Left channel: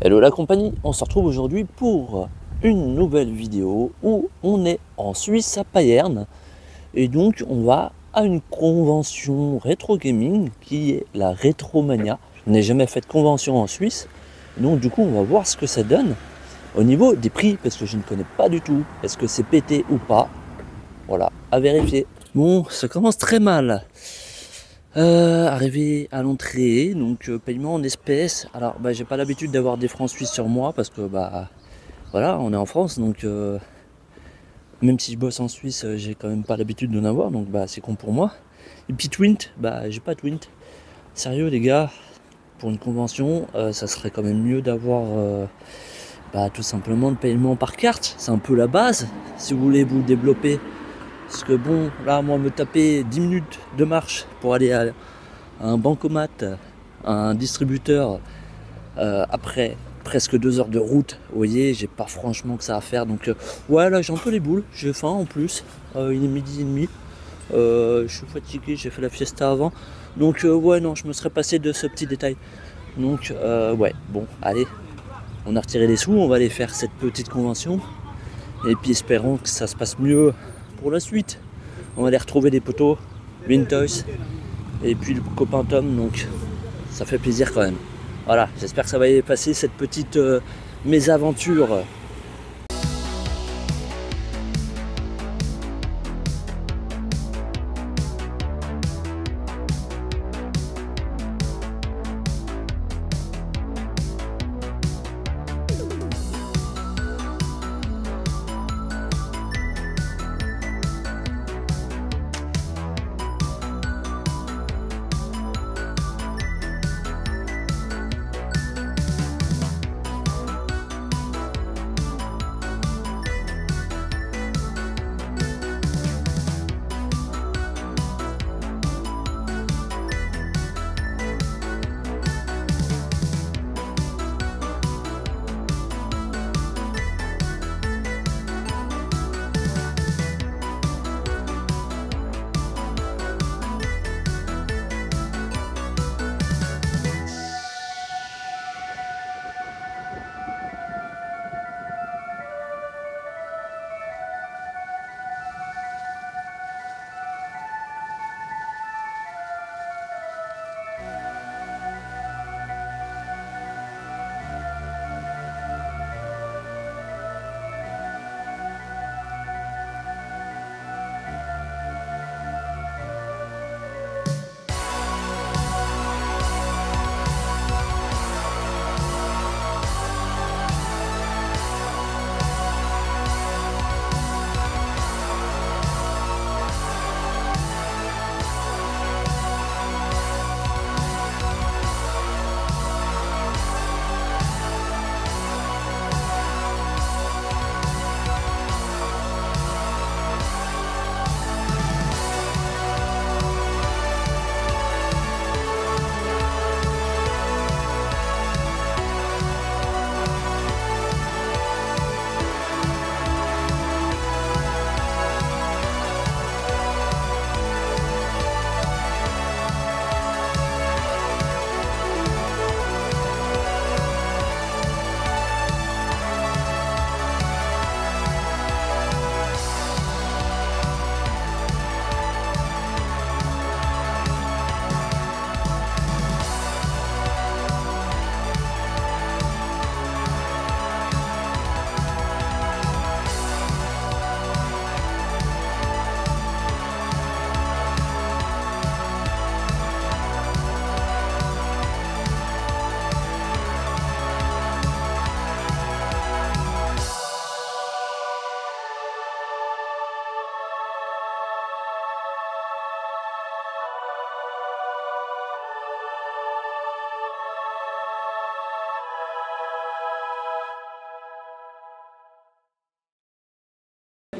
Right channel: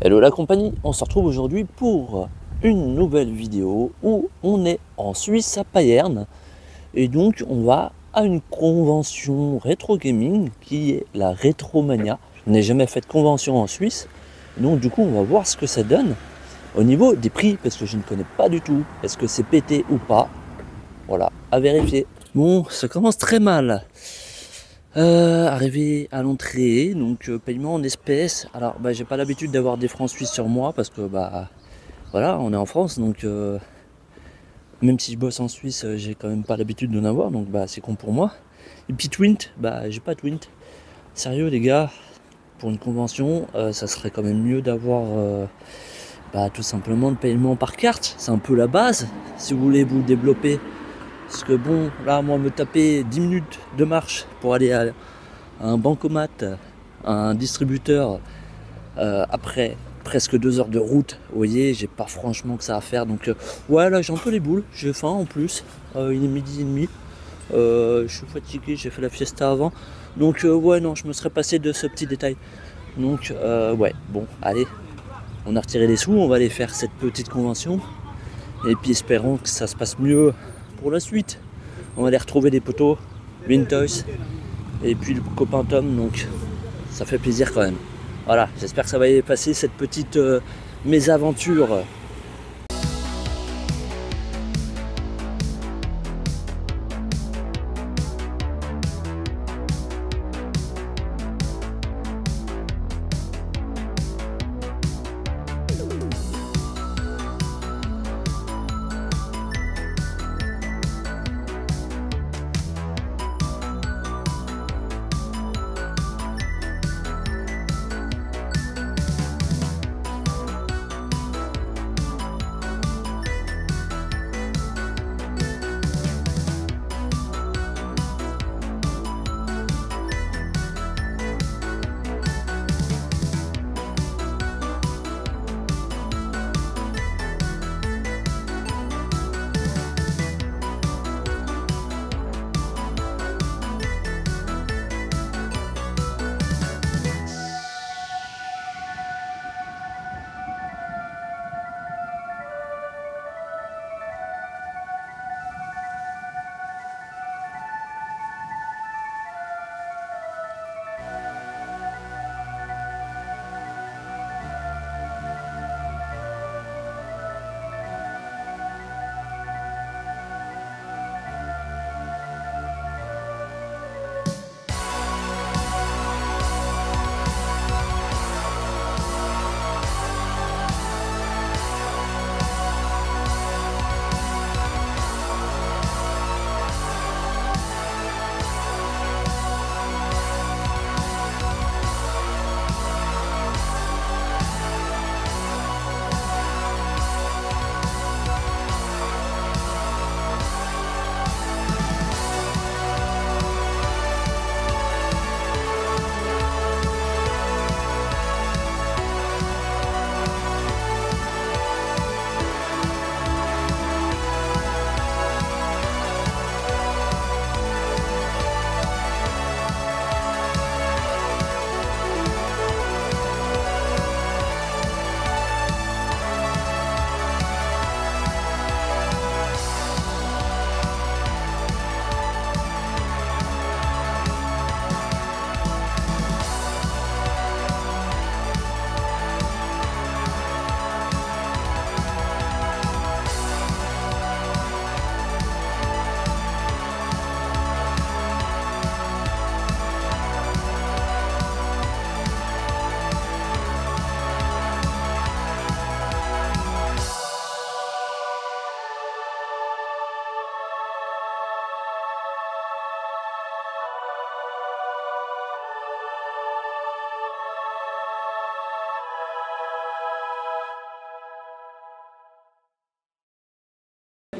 Hello la compagnie, on se retrouve aujourd'hui pour une nouvelle vidéo où on est en Suisse à Payerne et donc on va à une convention rétro gaming qui est la Retromania. Je n'ai jamais fait de convention en Suisse, donc du coup on va voir ce que ça donne au niveau des prix parce que je ne connais pas du tout. Est-ce que c'est pété ou pas? Voilà, à vérifier. Bon, ça commence très mal. Arrivé à l'entrée, donc paiement en espèces. Alors j'ai pas l'habitude d'avoir des francs suisses sur moi parce que voilà, on est en France, donc même si je bosse en Suisse, j'ai quand même pas l'habitude d'en avoir, donc c'est con pour moi. Et puis Twint, j'ai pas Twint. Sérieux les gars, pour une convention, ça serait quand même mieux d'avoir tout simplement le paiement par carte. C'est un peu la base si vous voulez vous développer. Parce que bon, là moi me taper 10 minutes de marche pour aller à un bancomat, un distributeur, après presque 2 heures de route, vous voyez, j'ai pas franchement que ça à faire. Donc ouais, là j'ai un peu les boules, j'ai faim en plus, il est midi et demi, je suis fatigué, j'ai fait la fiesta avant. Donc ouais, non, je me serais passé de ce petit détail. Donc ouais, bon, allez, on a retiré les sous, on va aller faire cette petite convention. Et puis espérons que ça se passe mieux pour la suite. On va aller retrouver des potos, Vintoys, et puis le copain Tom, donc ça fait plaisir quand même. Voilà, j'espère que ça va y passer cette petite mésaventure.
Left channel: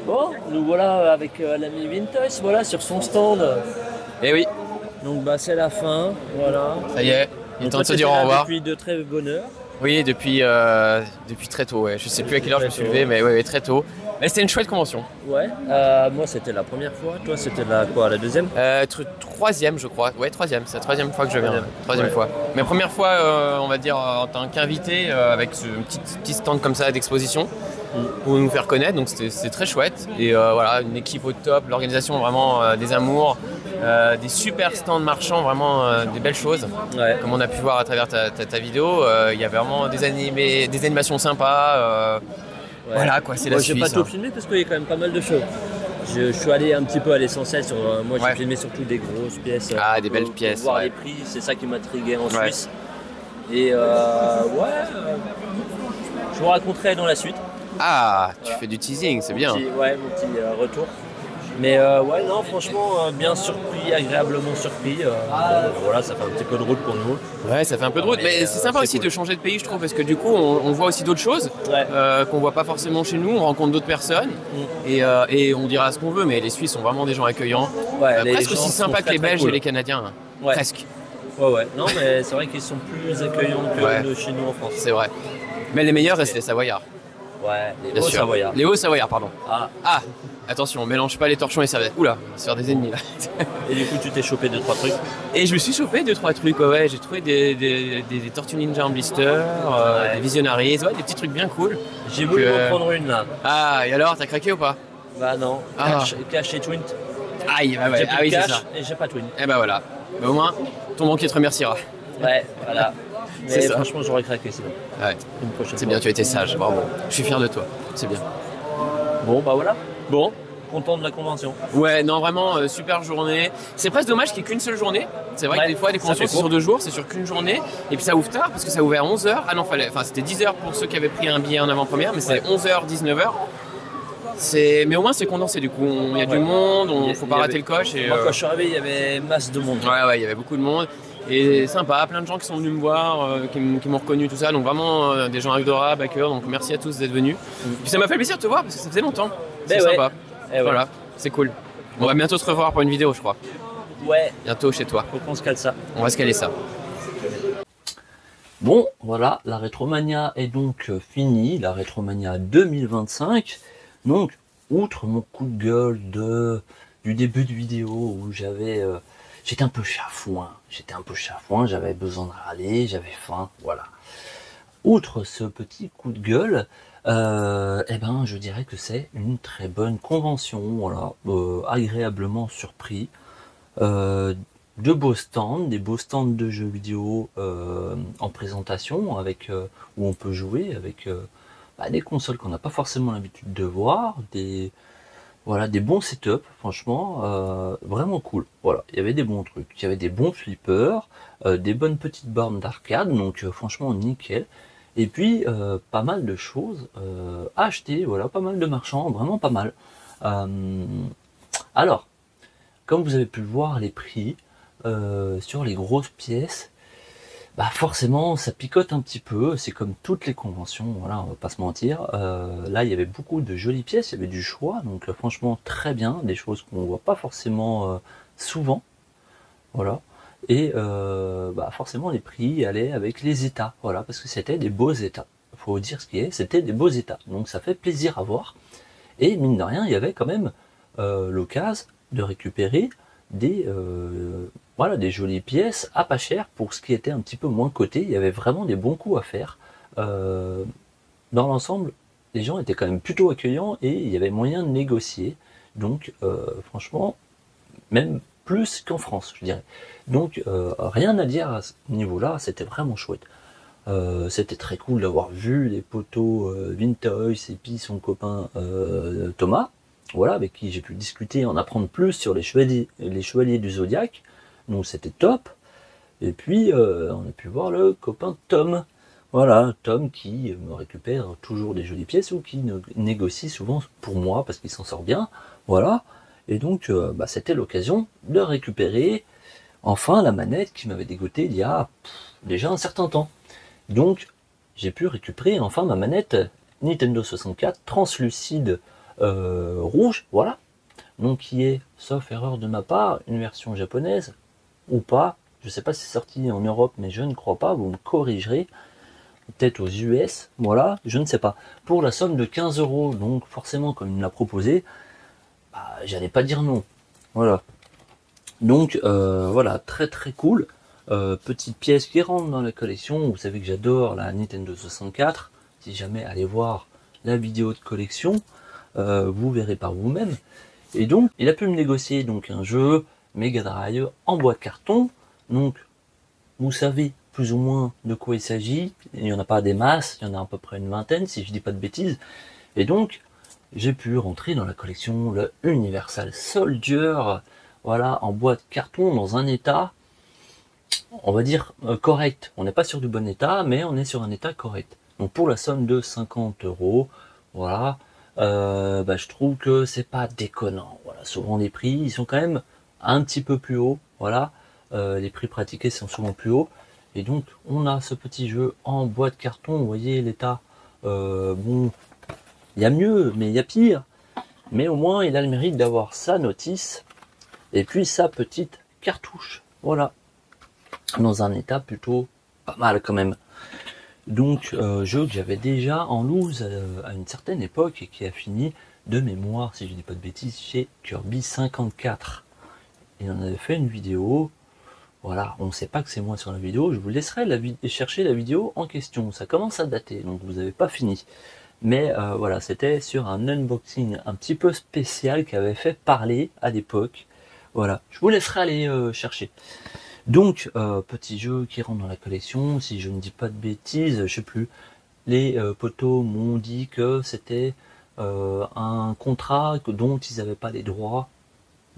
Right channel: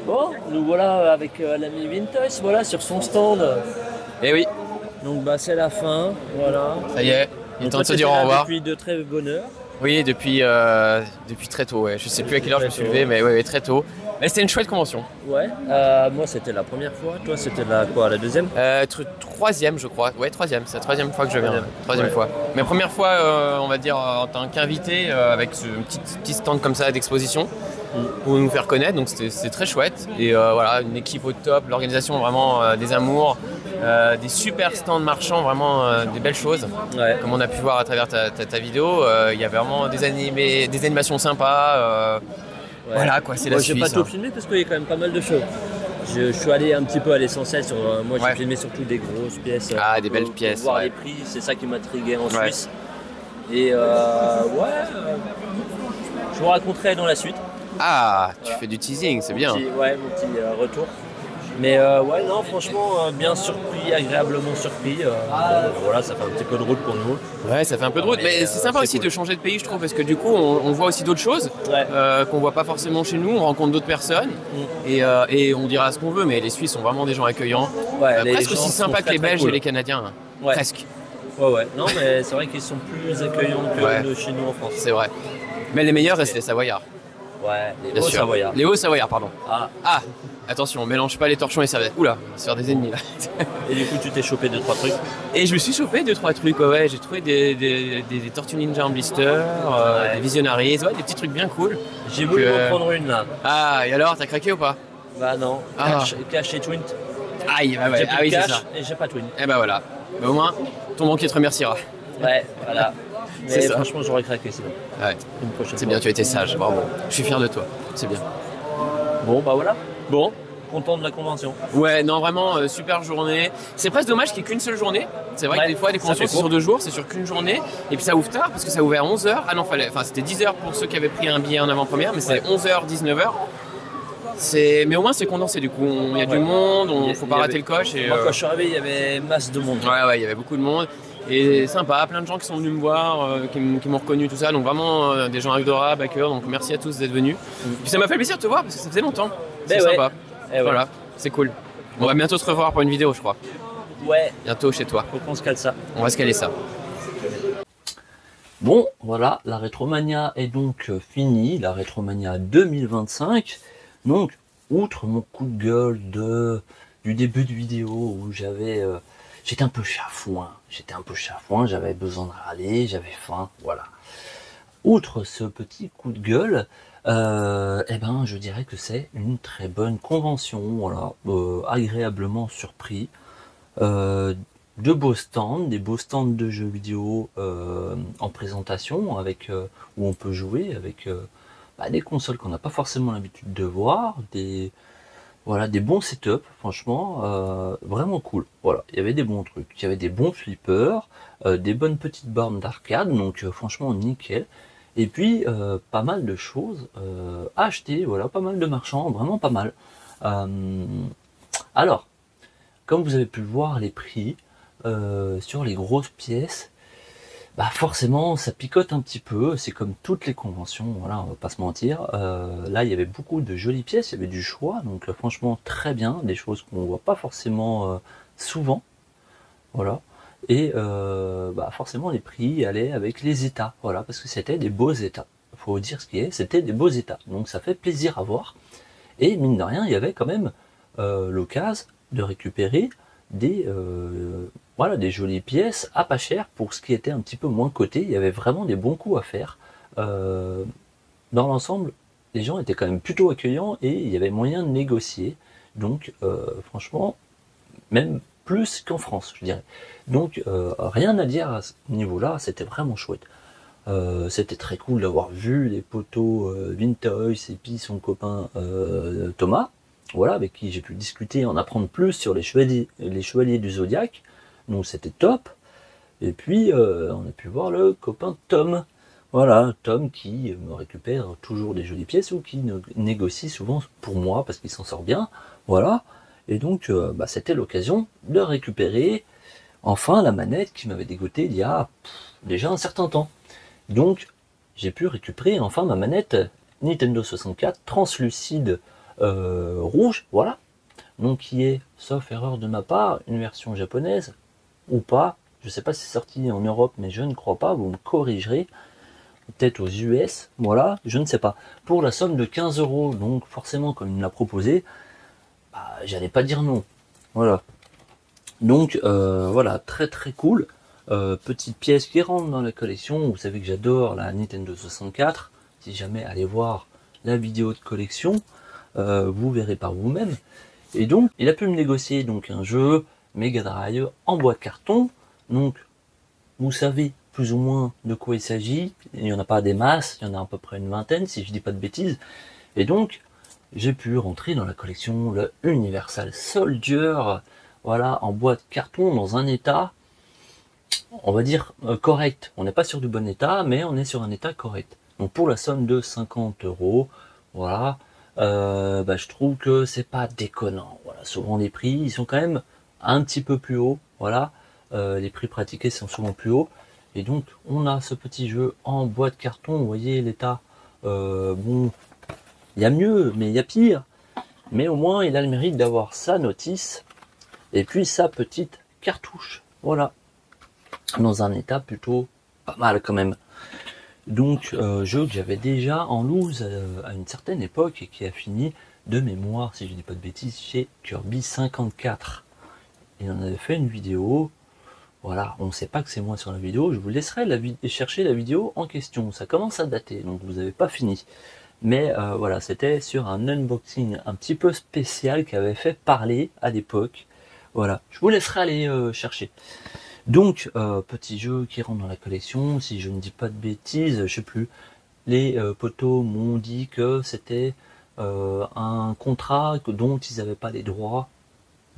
Bon, nous voilà avec l'ami Vintoys, voilà sur son stand. Eh oui, Donc c'est la fin, voilà. ça y est, il est Donc temps toi, de se dire au t'étais là revoir. depuis de très bonne heure. Oui, depuis très tôt, ouais. Je sais plus à quelle heure je me suis levé, mais ouais, très tôt. Mais c'était une chouette convention. Ouais, moi c'était la première fois, toi c'était la deuxième? Troisième, je crois. Ouais, troisième. C'est la troisième fois que je viens. Troisième Ouais. fois. Mais première fois, on va dire, en tant qu'invité, avec ce petit stand comme ça d'exposition pour nous faire connaître. Donc c'était très chouette. Et voilà, une équipe au top, l'organisation vraiment des amours, des super stands marchands, vraiment des belles choses. Ouais. Comme on a pu voir à travers ta vidéo, il y avait vraiment des animations sympas. Ouais. Voilà quoi, c'est Moi la j'ai Suisse. pas tout filmé parce qu'il y a quand même pas mal de choses. Je suis allé un petit peu à l'essentiel sur. Moi j'ai Ouais. filmé surtout des grosses pièces. Des belles pièces. Pour voir Ouais. les prix, c'est ça qui m'intriguait en Ouais. Suisse. Et je vous raconterai dans la suite. Ah, tu fais du teasing, c'est bien. Mon petit retour. Mais ouais, non, franchement, bien surpris, agréablement surpris. Voilà, ça fait un petit peu de route pour nous. Ouais, ça fait un peu de route, mais c'est sympa aussi de changer de pays, je trouve, parce que du coup, on voit aussi d'autres choses qu'on voit pas forcément chez nous. On rencontre d'autres personnes et on dira ce qu'on veut, mais les Suisses sont vraiment des gens accueillants, presque aussi sympas que les Belges et les Canadiens, hein. Ouais. Presque. Ouais. Non, mais c'est vrai qu'ils sont plus accueillants que de chez nous en France. C'est vrai. Mais les meilleurs restent les Savoyards. Ouais, Bien les sûr. Hauts-Savoyards. Les Hauts-Savoyards, pardon. Ah, Attention, on mélange pas les torchons et les serviettes. Oula, on va se faire des ennemis là. et du coup, tu t'es chopé 2-3 trucs. Et je me suis chopé 2-3 trucs, ouais. J'ai trouvé des Tortues Ninja en blister, des Visionaries, des petits trucs bien cool. J'ai voulu en prendre une là. Ah, et alors, t'as craqué ou pas? Bah non, cash et Twint. Aïe, bah ouais. J'ai plus de c'est cash ça. et j'ai pas Twint. Et bah voilà. Bah, au moins, ton banquier te remerciera. Ouais, voilà. C'est Mais ça. franchement, j'aurais craqué sinon. Ouais. Une prochaine C'est fois. bien, tu as été sage, bravo. Je suis fier de toi, c'est bien. Bon, bah voilà. Bon. Content de la convention. Ouais, non, vraiment, super journée. C'est presque dommage qu'il n'y ait qu'une seule journée. C'est vrai que des fois, les conventions, c'est sur 2 jours, c'est sur qu'une journée. Et puis ça ouvre tard, parce que ça a ouvert à 11h. Ah non, c'était 10h pour ceux qui avaient pris un billet en avant-première, mais c'est 11h, 19h. Mais au moins, c'est condensé, du coup. Il y a du monde, il faut pas rater le coche. Et, moi, quand je suis arrivé, il y avait masse de monde. Ouais, il y avait beaucoup de monde. Et sympa, plein de gens qui sont venus me voir, qui m'ont reconnu, tout ça. Donc vraiment, des gens adorables, à cœur. Donc merci à tous d'être venus. Puis ça m'a fait plaisir de te voir, parce que ça faisait longtemps. C'est sympa. Voilà, c'est cool. On va bientôt se revoir pour une vidéo, je crois. Ouais. Bientôt chez toi. Faut qu'on se cale ça. On va se caler ça. Bon, voilà, la Rétromania est donc finie, la Rétromania 2025. Donc, outre mon coup de gueule du début de vidéo où j'étais un peu chafouin, j'avais besoin de râler, j'avais faim, voilà. Outre ce petit coup de gueule, je dirais que c'est une très bonne convention, voilà, agréablement surpris. De beaux stands, des beaux stands de jeux vidéo en présentation, où on peut jouer avec des consoles qu'on n'a pas forcément l'habitude de voir, des bons setups, franchement, vraiment cool. Voilà, il y avait des bons trucs, il y avait des bons flippers, des bonnes petites bornes d'arcade, donc franchement nickel. Et puis pas mal de choses à acheter, voilà, pas mal de marchands, vraiment pas mal. Alors, comme vous avez pu le voir, les prix sur les grosses pièces, forcément ça picote un petit peu, c'est comme toutes les conventions, voilà, on va pas se mentir. Là il y avait beaucoup de jolies pièces, il y avait du choix, donc franchement très bien, des choses qu'on ne voit pas forcément souvent, voilà. Et forcément les prix allaient avec les états, voilà, parce que c'était des beaux états. Il faut dire ce qui est, c'était des beaux états, donc ça fait plaisir à voir. Et mine de rien, il y avait quand même l'occasion de récupérer des jolies pièces à pas cher pour ce qui était un petit peu moins coté. Il y avait vraiment des bons coups à faire. Dans l'ensemble, les gens étaient quand même plutôt accueillants et il y avait moyen de négocier. Donc franchement, même plus qu'en France, je dirais. Donc rien à dire à ce niveau-là, c'était vraiment chouette. C'était très cool d'avoir vu les potos Mintoys et puis son copain Thomas. Voilà, avec qui j'ai pu discuter, en apprendre plus sur les chevaliers du Zodiaque. Donc c'était top. Et puis on a pu voir le copain Tom. Voilà, Tom qui me récupère toujours des jolies pièces ou qui négocie souvent pour moi parce qu'il s'en sort bien. Voilà. Et donc c'était l'occasion de récupérer enfin la manette qui m'avait dégoûté il y a déjà un certain temps. Donc j'ai pu récupérer enfin ma manette Nintendo 64 translucide rouge, voilà. Donc qui est, sauf erreur de ma part, une version japonaise ou pas. Je sais pas si c'est sorti en Europe, mais je ne crois pas, vous me corrigerez. peut-être aux US, voilà, je ne sais pas, pour la somme de 15 €. Donc forcément, comme il me l'a proposé, bah, j'allais pas dire non. Voilà. Donc voilà, très très cool. Petite pièce qui rentre dans la collection. Vous savez que j'adore la Nintendo 64. Si jamais allez voir la vidéo de collection, vous verrez par vous-même. Et donc, il a pu me négocier donc un jeu Mega Drive en boîte carton. Donc, vous savez plus ou moins de quoi il s'agit. Il n'y en a pas des masses, il y en a à peu près une vingtaine, si je dis pas de bêtises. Et donc, j'ai pu rentrer dans la collection le Universal Soldier, voilà, en boîte carton, dans un état, on va dire, correct. On n'est pas sur du bon état, mais on est sur un état correct. Donc pour la somme de 50 €, voilà, je trouve que c'est pas déconnant. Voilà, souvent les prix, ils sont quand même un petit peu plus hauts, voilà. Les prix pratiqués sont souvent plus hauts. Et donc, on a ce petit jeu en boîte carton. Vous voyez l'état, bon, il y a mieux, mais il y a pire. Mais au moins, il a le mérite d'avoir sa notice et puis sa petite cartouche. Voilà. Dans un état plutôt pas mal quand même. Donc, jeu que j'avais déjà en loose à une certaine époque et qui a fini de mémoire, si je dis pas de bêtises, chez Kirby 54. Et on avait fait une vidéo. Voilà, on ne sait pas que c'est moi sur la vidéo. Je vous laisserai chercher la vidéo en question. Ça commence à dater, donc vous n'avez pas fini. Mais voilà, c'était sur un unboxing un petit peu spécial qui avait fait parler à l'époque. Voilà, je vous laisserai aller chercher. Donc, petit jeu qui rentre dans la collection, si je ne dis pas de bêtises, je sais plus. Les potos m'ont dit que c'était un contrat dont ils n'avaient pas les droits,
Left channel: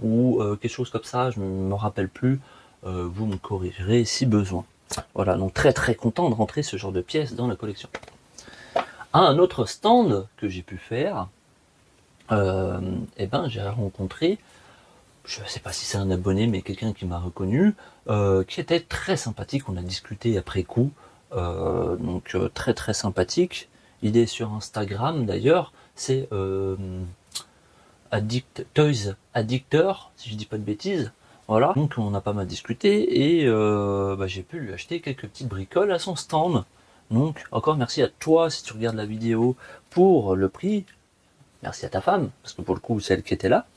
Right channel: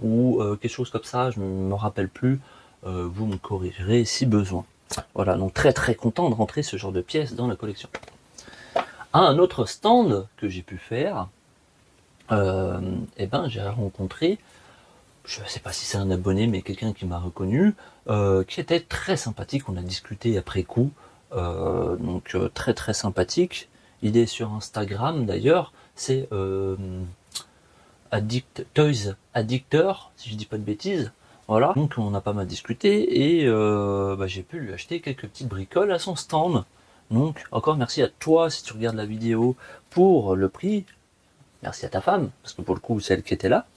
ou quelque chose comme ça, je ne me rappelle plus. Vous me corrigerez si besoin. Voilà, donc très très content de rentrer ce genre de pièces dans la collection. Un autre stand que j'ai pu faire, j'ai rencontré, je ne sais pas si c'est un abonné, mais quelqu'un qui m'a reconnu, qui était très sympathique. On a discuté après coup, donc très très sympathique. Il est sur Instagram d'ailleurs, c'est Toys Addictor, si je dis pas de bêtises. Voilà, donc on a pas mal discuté et j'ai pu lui acheter quelques petites bricoles à son stand. Donc encore merci à toi si tu regardes la vidéo pour le prix. Merci à ta femme, parce que pour le coup c'est elle qui était là.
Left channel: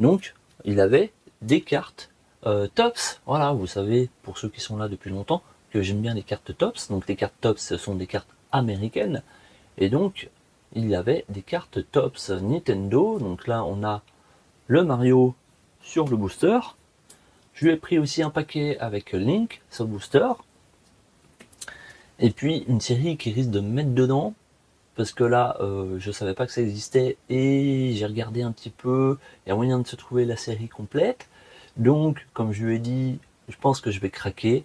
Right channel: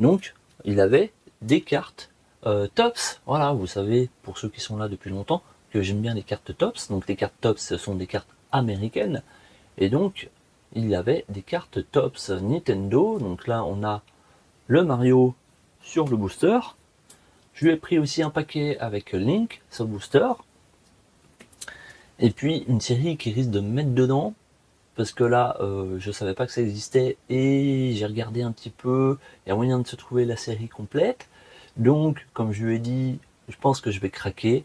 Donc il avait des cartes Topps. Voilà, vous savez, pour ceux qui sont là depuis longtemps, que j'aime bien les cartes Topps. Donc les cartes Topps, ce sont des cartes américaines. Et donc il y avait des cartes Topps Nintendo. Donc là on a le Mario sur le booster. Je lui ai pris aussi un paquet avec Link sur le booster. Et puis une série qui risque de me mettre dedans. Parce que là, je savais pas que ça existait. Et j'ai regardé un petit peu. Il y a moyen de se trouver la série complète. Donc, comme je lui ai dit, je pense que je vais craquer.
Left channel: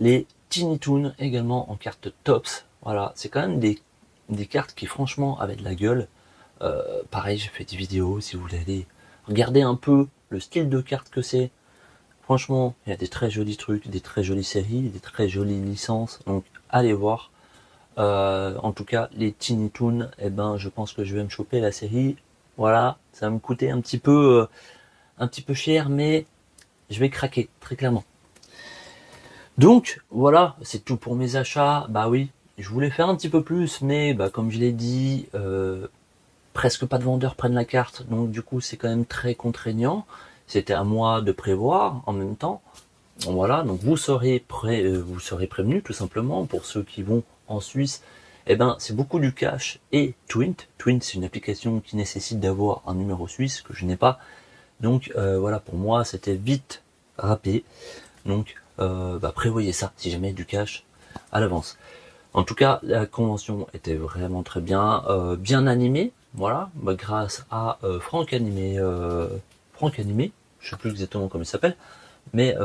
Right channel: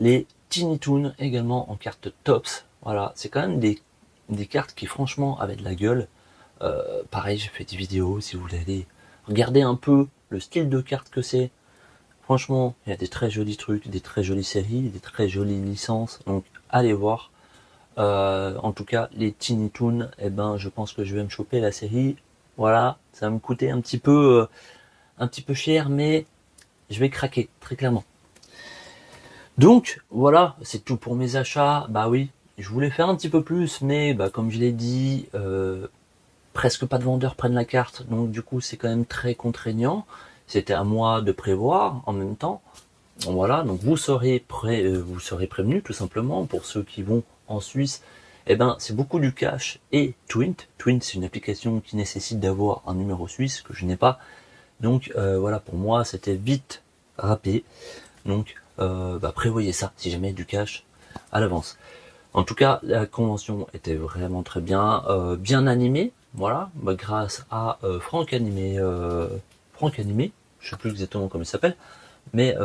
Les Tiny Toons également en carte Topps. Voilà, c'est quand même des cartes qui franchement avaient de la gueule. Pareil, j'ai fait des vidéos. Si vous voulez regarder un peu le style de carte que c'est. Franchement, il y a des très jolis trucs, des très jolies séries, des très jolies licences. Donc, allez voir. En tout cas, les Tiny Toons, je pense que je vais me choper la série. Voilà, ça va me coûter un petit peu cher, mais je vais craquer, très clairement. Donc, voilà, c'est tout pour mes achats. Bah oui, je voulais faire un petit peu plus, mais comme je l'ai dit, presque pas de vendeurs prennent la carte. Donc, du coup, c'est quand même très contraignant. C'était à moi de prévoir en même temps. Voilà, donc vous serez prévenus tout simplement. Pour ceux qui vont en Suisse, c'est beaucoup du cash et Twint. Twint, c'est une application qui nécessite d'avoir un numéro suisse que je n'ai pas. Donc voilà, pour moi c'était vite râpé. Donc prévoyez ça si jamais du cash à l'avance. En tout cas, la convention était vraiment très bien, bien animée. Voilà, grâce à Franck Animé, je sais plus exactement comment il s'appelle. Mais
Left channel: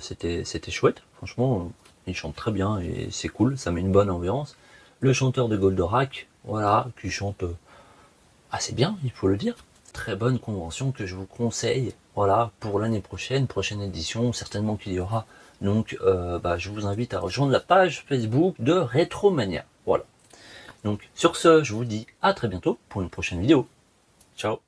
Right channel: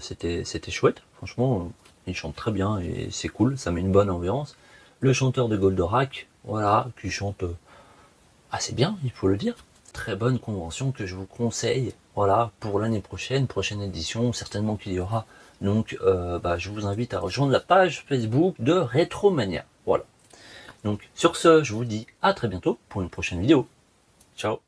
c'était chouette, franchement, il chante très bien et c'est cool, ça met une bonne ambiance. Le chanteur de Goldorak, voilà, qui chante assez bien, il faut le dire. Très bonne convention que je vous conseille, voilà, pour l'année prochaine édition, certainement qu'il y aura. Donc, je vous invite à rejoindre la page Facebook de Retromania. Voilà. Donc, sur ce, je vous dis à très bientôt pour une prochaine vidéo. Ciao.